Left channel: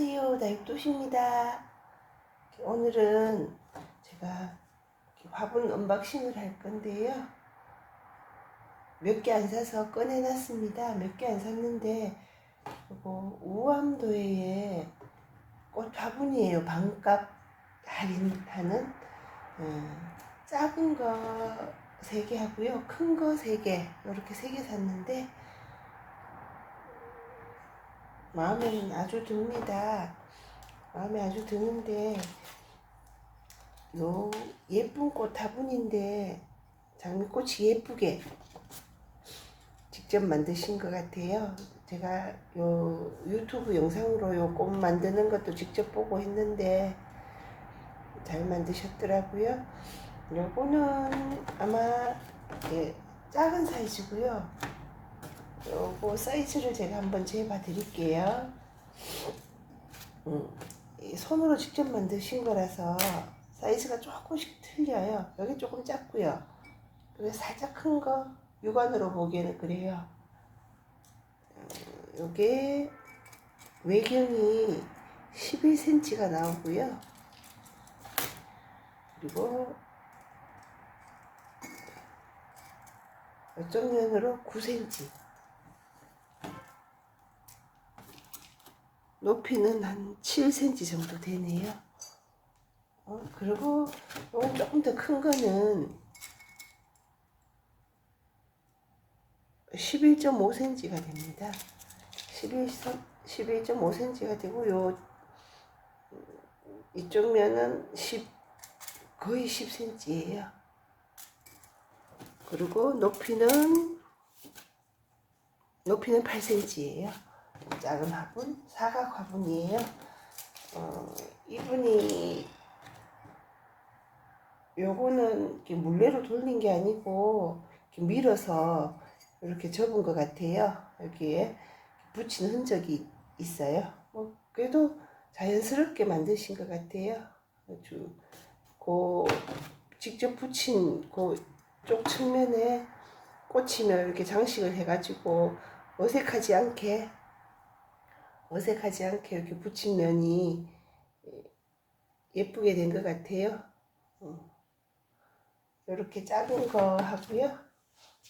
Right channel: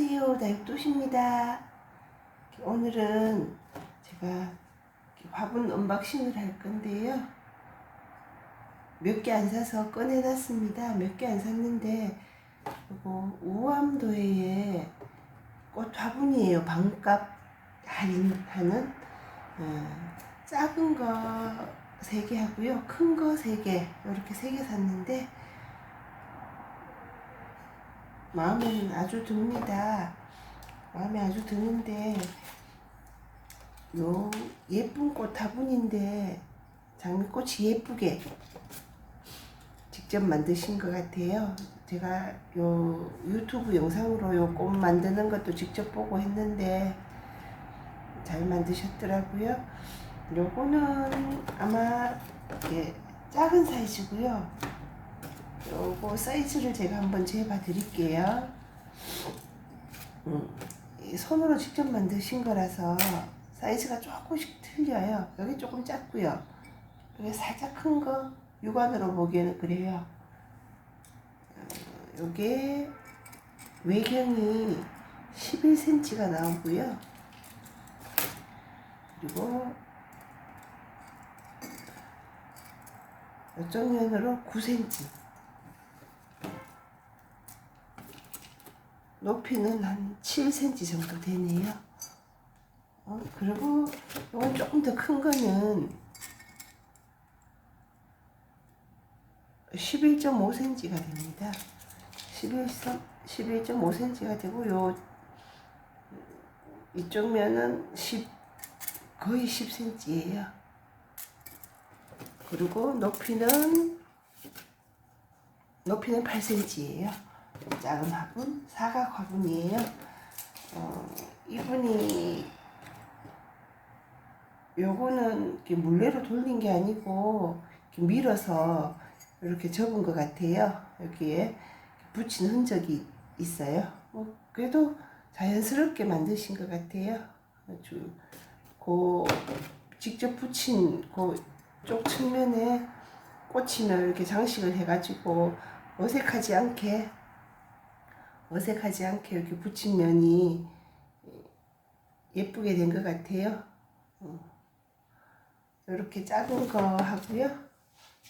안녕하세요. 다육도시입니다. 오늘은 제가 화분 언박싱을 할 건데요. 몇 개 안 사서 꺼내놨습니다. 몇 개 안 샀는데, 이거 우암도에 꽃 화분이에요. 반값 할인하는. 어, 작은 거 3개 하고요. 큰 거 3개. 이렇게 3개 샀는데, 마음에는 아주 듭니다. 마음에 아주 드는데 요 예쁜 꽃 화분인데 장미꽃이 예쁘게 직접 만드신 것 같아요. 제가 요 유튜브 영상으로 요 꽃 만드는 것도 직접 보고 했는데 잘 만드셨더라고요. 요거는 아마 예, 작은 사이즈고요. 요거 사이즈를 제가 한번 재봐 드릴게요. 음, 이 손으로 직접 만드신 거라서 사이즈가 조금씩 틀려요. 여기 조금 작고요. 여기 살짝 큰 거 육안으로 보기에는 그래요. 어, 요게 외경이 11cm가 나오고요. 그리고 이쪽 면으로 9cm. 높이는 한 7cm 정도 되네요. 어, 그리고 이건 조금 더 큰 거는 11.5cm가 됩니다. 11, 11.5cm가 되고 요 이쪽 면은 10 거의 10cm예요. 그리고 높이는 높이는 8cm예요. 작은 화분, 사각 화분이에요. 어, 이분이 요거는 물레로 돌린 게 아니고 밀어서 이렇게 접은 것 같아요. 여기에 붙인 흔적이 있어요. 뭐 그래도 자연스럽게 만드신 것 같아요. 아주 그 직접 붙인 그쪽 측면에 꽃이나 이렇게 장식을 해가지고 어색하지 않게 어색하지 않게 이렇게 붙인 면이 예쁘게 된 것 같아요. 이렇게 작은 거 하고요.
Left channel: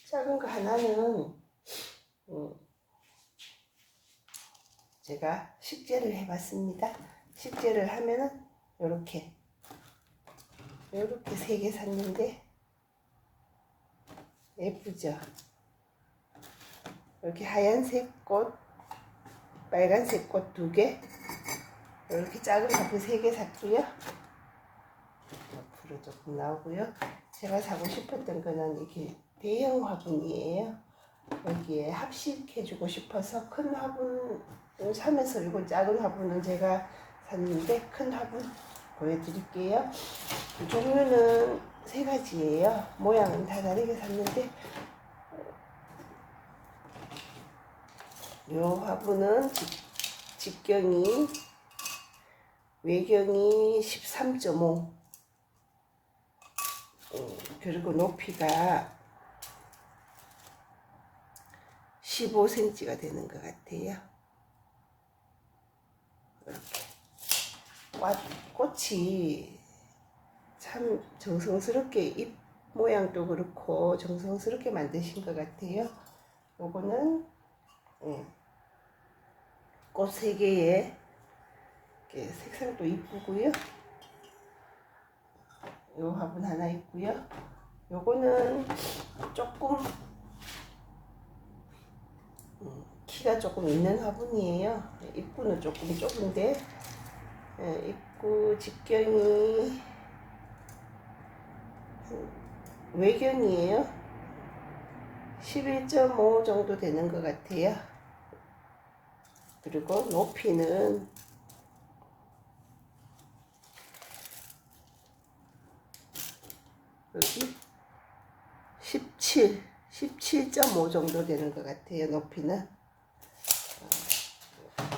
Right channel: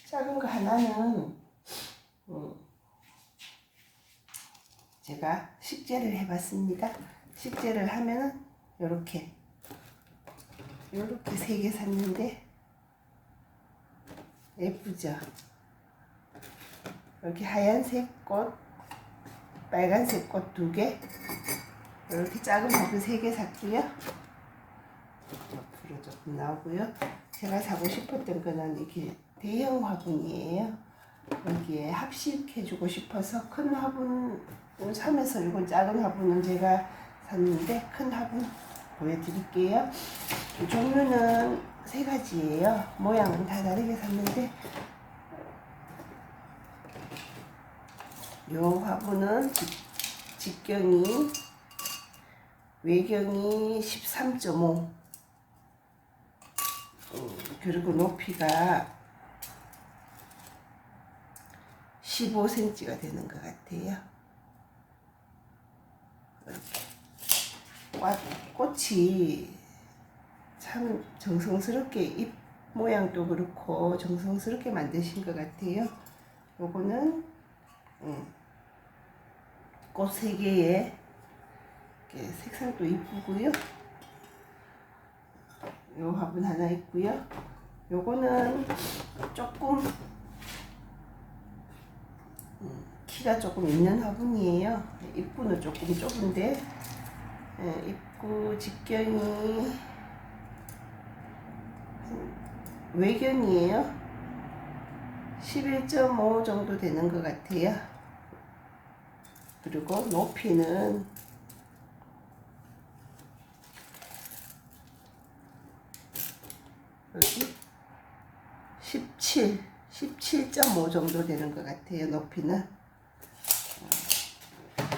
작은 거 하나는 음, 제가 식재를 해봤습니다. 식재를 하면은 이렇게 이렇게 세 개 샀는데 예쁘죠? 이렇게 하얀색 꽃 빨간색 꽃 두 개, 이렇게 작은 화분 세개 샀고요. 옆으로 조금 나오고요. 제가 사고 싶었던 거는 이렇게 대형 화분이에요. 여기에 합식해주고 싶어서 큰 화분 사면서 이건 작은 화분은 제가 샀는데 큰 화분 보여드릴게요. 종류는 세 가지예요. 모양은 다 다르게 샀는데 요 화분은 직, 경이 외경이 13.5 음, 그리고 높이가 15cm가 되는 것 같아요. 이렇게 꽃이 참 정성스럽게 잎 모양도 그렇고 정성스럽게 만드신 것 같아요. 요거는 음, 꽃세 개에 색상도 이쁘고요. 요 화분 하나 있고요. 요거는 조금 음, 키가 조금 있는 화분이에요. 입구는 조금 좁은데 예, 입구 직경이 외경이에요. 11.5 정도 되는 것 같아요. 그리고 높이는 여기 17, 17.5 정도 되는 것 같아요. 높이는.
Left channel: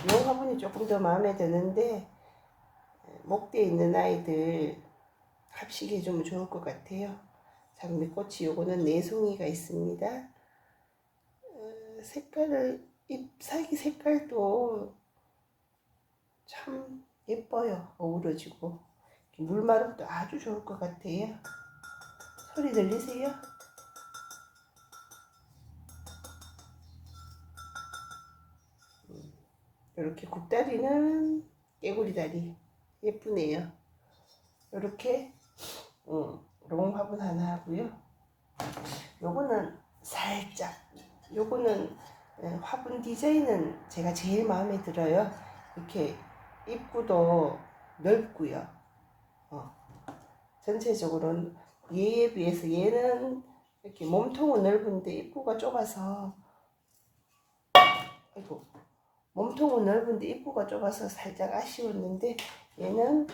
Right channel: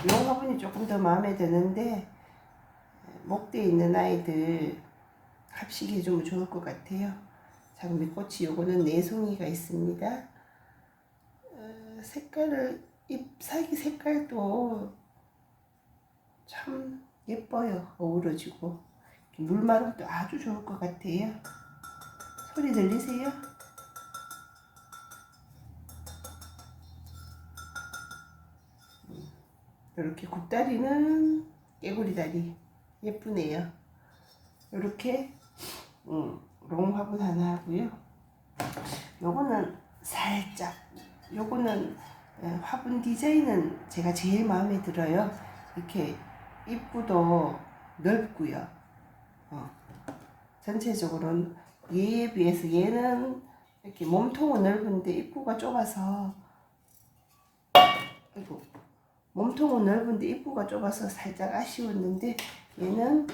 이 어, 화분이 조금 더 마음에 드는데 목대에 있는 아이들 합식해주면 좋을 것 같아요. 장미꽃이 요거는 내송이가 있습니다. 어, 색깔을 잎사귀 색깔도 참 예뻐요. 어우러지고. 물마름도 아주 좋을 것 같아요. 소리 들리세요? 이렇게 굽다리는 깨구리 다리 예쁘네요. 이렇게 음, 롱 화분 하나 하고요. 요거는 살짝 요거는 예, 화분 디자인은 제가 제일 마음에 들어요. 이렇게 입구도 넓고요. 어. 전체적으로는 얘에 비해서 얘는 이렇게 몸통은 넓은데 입구가 좁아서 아이고 몸통은 넓은데 입구가 좁아서 살짝 아쉬웠는데 얘는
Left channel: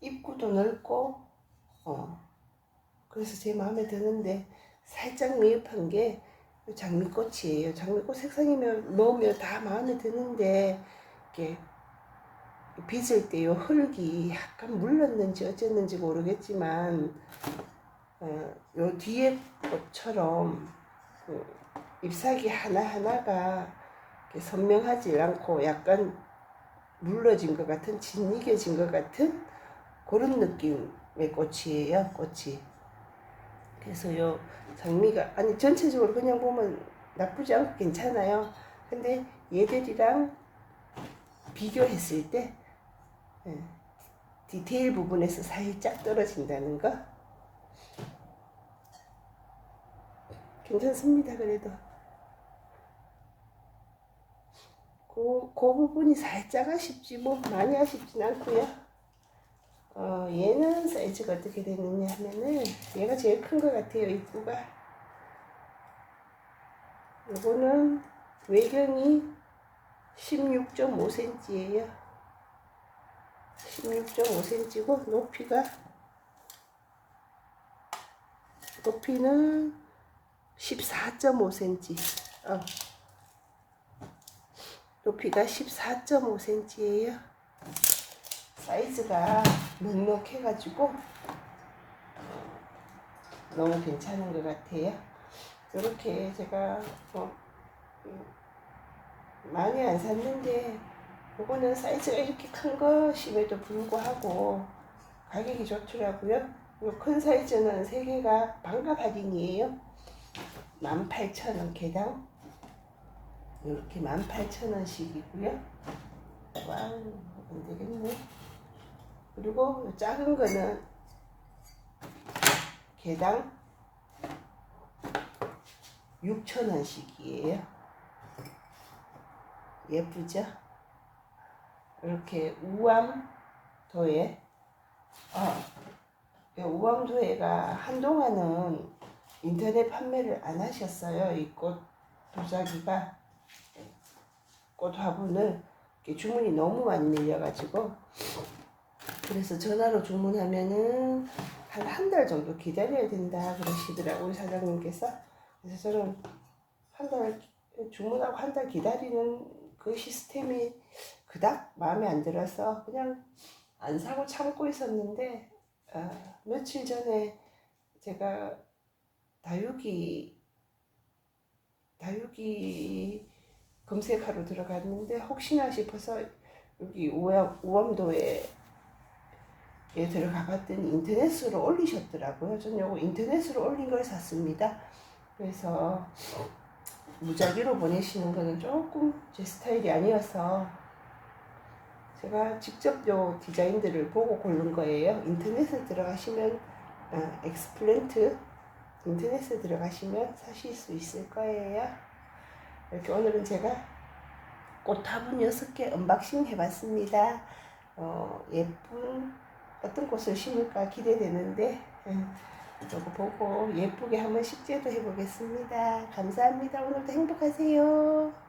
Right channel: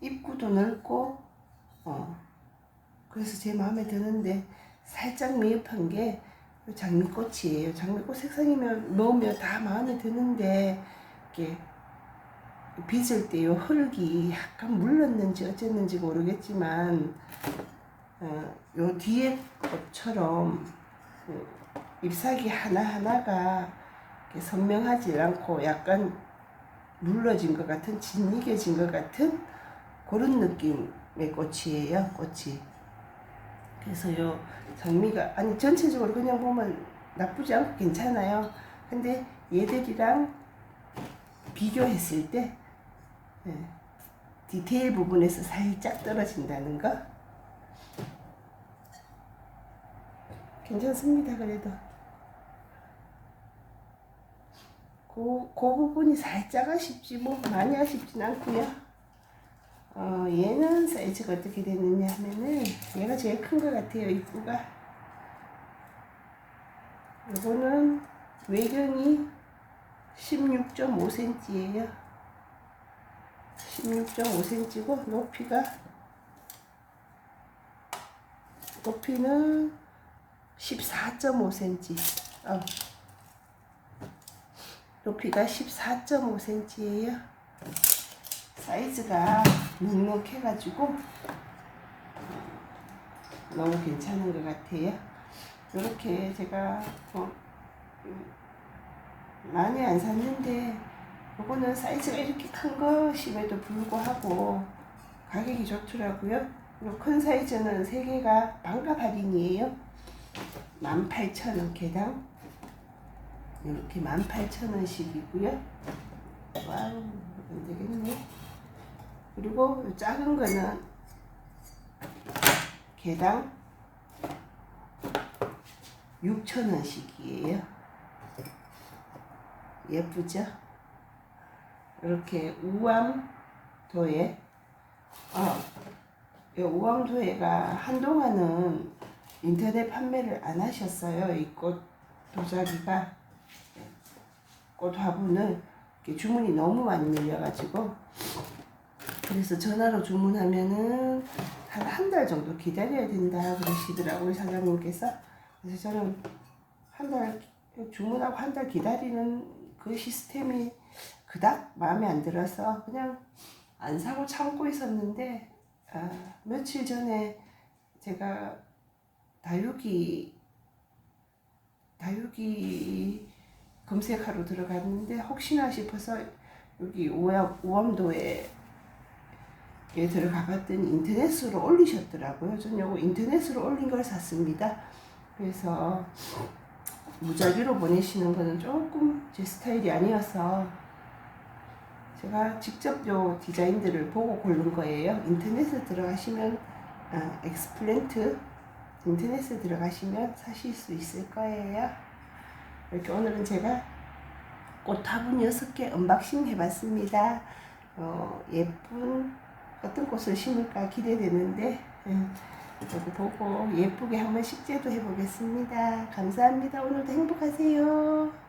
입구도 넓고 어 그래서 제 마음에 드는데 살짝 미흡한 게 장미꽃이에요. 장미꽃 색상이면 넣으면 다 마음에 드는데 이게 빚을 때요 흙이 약간 물렀는지 어쨌는지 모르겠지만 어, 요 뒤에 것처럼 그 잎사귀 하나하나가 선명하지 않고 약간 물러진 것 같은 진이겨진 것 같은 그런 느낌의 꽃이에요 꽃이 그래서 요. 장미가 아니 전체적으로 그냥 보면 나쁘지 않고 괜찮아요. 근데 얘들이랑 비교했을 때 예, 디테일 부분에서 살짝 떨어진다는 거? 괜찮습니다 그래도. 그, 그 부분이 살짝 아쉽지 뭐 많이 아쉽진 않고요 어, 얘는 사이즈가 어떻게 되느냐 하면은 얘가 제일 큰 것 같아요 입구가. 요거는 외경이 16.5cm예요. 16.5cm고 높이가 높이는 14.5cm 어. 높이가 14.5cm예요 사이즈가 넉넉해가지고 너무 괜찮은 것 같아요 이렇게 제가 어, 많이 안 샀는데 요거는 사이즈가 이렇게 큰 것임에도 불구하고 가격이 좋더라고요. 요큰 사이즈는 3개가 반값 할인이에요. 18,000원 개당. 이렇게 18,000원씩이고요. 와우, 안 되겠네. 그리고 작은 거는 개당 6,000원씩이에요. 예쁘죠? 이렇게 우암도에 어, 이 우암도에가 한동안은 인터넷 판매를 안 하셨어요. 이 꽃 도자기가 꽃 화분을 주문이 너무 많이 밀려가지고 그래서 전화로 주문하면은 한 한 달 정도 기다려야 된다 그러시더라고요 사장님께서. 그래서 저는 한 달 주문하고 한 달 기다리는 그 시스템이 그닥 마음에 안 들어서 그냥 안 사고 참고 있었는데 아, 며칠 전에 제가 다육이 다육이 검색하러 들어갔는데 혹시나 싶어서 여기 우암, 우암도에 에 들어가 봤더니 인터넷으로 올리셨더라고요. 전 요거 인터넷으로 올린 걸 샀습니다. 그래서 무작위로 보내시는 거는 조금 제 스타일이 아니어서 제가 직접 요 디자인들을 보고 고른 거예요. 인터넷에 들어가시면 어, 엑스플랜트 인터넷에 들어가시면 사실 수 있을 거예요. 이렇게 오늘은 제가 꽃 화분 6개 언박싱 해봤습니다. 어, 예쁜 어떤 꽃을 심을까 기대되는데 음, 이거 보고 예쁘게 한번 식재도 해보겠습니다. 감사합니다. 오늘도 행복하세요.